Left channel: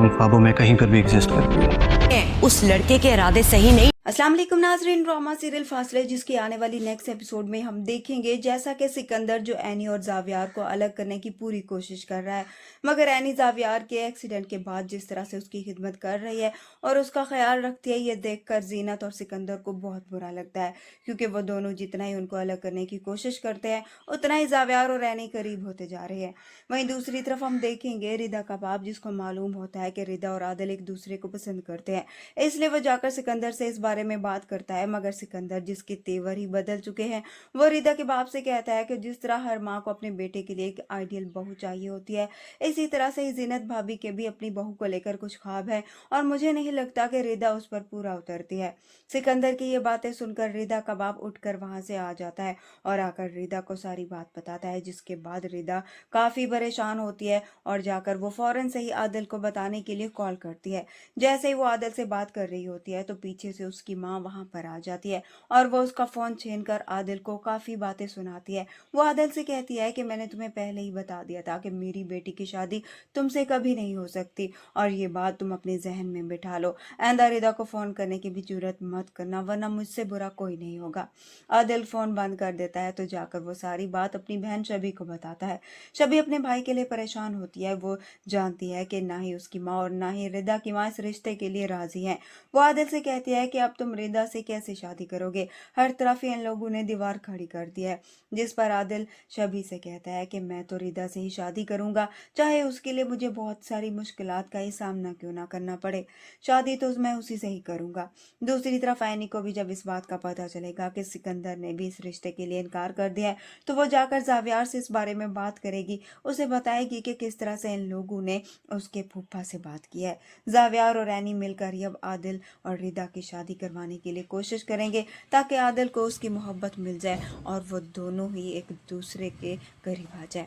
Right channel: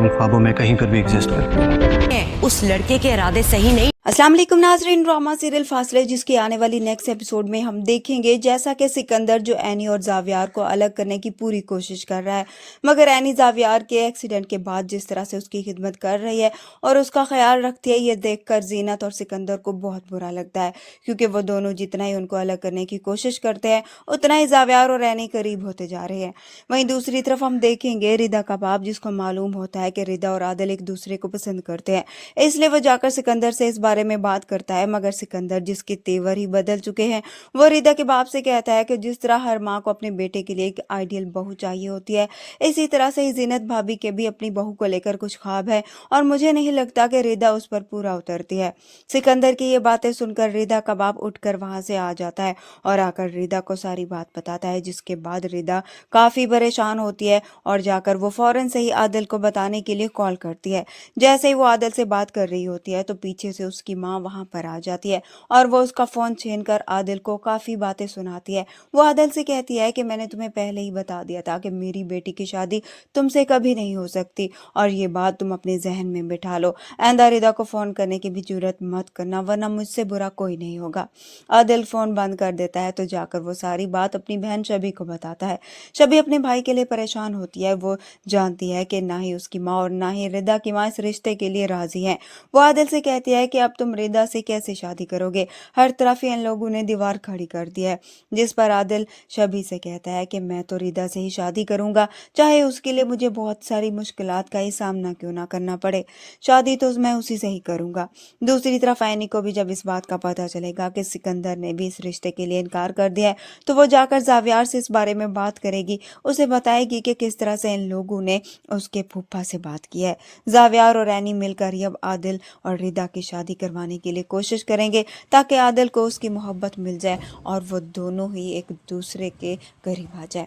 हम ख्वाबों में कहीं पर भी एग्जिस्ट करती है। उस लड़के के इरादे सही नहीं। अस्सलाम वालेकुम नाज़रीन, ड्रामा सीरियल फासले जिसकी आने वाली नेक्स्ट एपिसोड में हम देखेंगे जैसा कि सिकंदर जो एनी और जावियार को अलग करने की पूरी कोशिश कर रहा है, मगर एनी जावियार के एक्सीडेंट के बाद जिस तरह से उसकी खिदमत कर रही है और उसका ख्याल रखती है, ये देखकर जीनत और सिकंदर को बहुत बुरा लगता है, क्योंकि वो दोनों जितना ही उनको अलग करने की कोशिश करते हैं उतना ही जावियार और एनी करीब होते जा रहे हैं। वहीं दूसरी तरफ हम देखेंगे रिदा का बाप, जिसको मालूम होता है कि रिदा और आदिल एक दूसरे को पसंद करते हैं, इसलिए वो जाकर सिकंदर से इस बारे में बात करता है, मगर सिकंदर जिसके तेवर ही बदल चुके हैं, वो रिदा के बाप से कहता है कि जिस तरह हर माँ को अपने बेटे के लिए एक आइडियल बहू चाहिए होती है, इसी तरह से ही जीनत भाभी के भी अपनी बहू को लेकर कुछ ख्वाब है और मुझे नहीं लगता कि रिदा उस पर पूरा उतरती है। सिकंदर की ये बातें सुनकर रिदा का बाप उठकर वहां से आ जाता है और आकर रिदा को सारी बात बताता है, जिसके बाद रिदा काफी परेशान होती है और जाकर वो फौरन से ही आदिल को बताने के लिए कॉल करती है। जैसे ही वो आदिल से बात कर रही होती है तो पीछे से उसकी माँ वहां पर आ जाती है और वो उसका फोन छीनकर आदिल को काफी बातें सुनाती है। वो आदिल से कहती है कि मैंने तुम्हें पहले ही बता दिया था कि मेरी बेटी की शादी तुमसे कभी नहीं हो सकती और ये बात तुम अपने जहन में बिठा लो। आइंदा रिदा को फोन करने की भी जरूरत मत करना, वरना मुझसे बुरा कोई नहीं होगा। आदिल फोन बंद कर देता है तो जाकर वो सारी बात अपनी बहन शबी को बताता है। शबी अपने भाई के लिए परेशान होती है, वो जानती है कि ना ही उसकी माँ और ना ही रिदा की माँ इस रिश्ते के लिए राजी हैं। वो आदिल से कहती है कि अब तुम रिदा से कैसे शादी करोगे, हर तरफ इन लोगों ने दीवार खड़ी कर दी है। जिस पर आदिल शबी से कहता है कि मैं तो रिदा से ही शादी करूंगा, चाहे उसके लिए मुझे बहुत सारी मुश्किलात का ही सामना क्यों ना करना पड़े, शादी तो मैं उसी से ही करूंगा। दूसरी तरफ ऐनी को भी जब इस बात का पता चलेगा कि सिकंदर ने भी इस रिश्ते के लिए इनकार कर दिया है, तो वो जाकर जावियार से इस बारे में बात करेगी, उसे बताएगी कि किस तरह से इन लोगों ने उसके फूफा से बात की है। जावियार और ऐनी मिलकर ही अब आदिल और रिदा की शादी करवाने के लिए कोशिश करेंगे, ताकि आदिल को उसकी मोहब्बत मिल जाए और वो दोनों ही एक दूसरे के करीब आ जाए।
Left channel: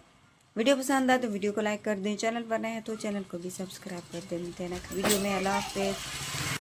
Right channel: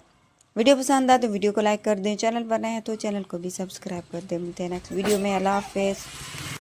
वीडियो पसंद आए तो वीडियो को लाइक कर दें, चैनल पर नए हैं तो चैनल को भी सब्सक्राइब कर दें। मिलते हैं नेक्स्ट वीडियो में। अल्लाह हाफिज़।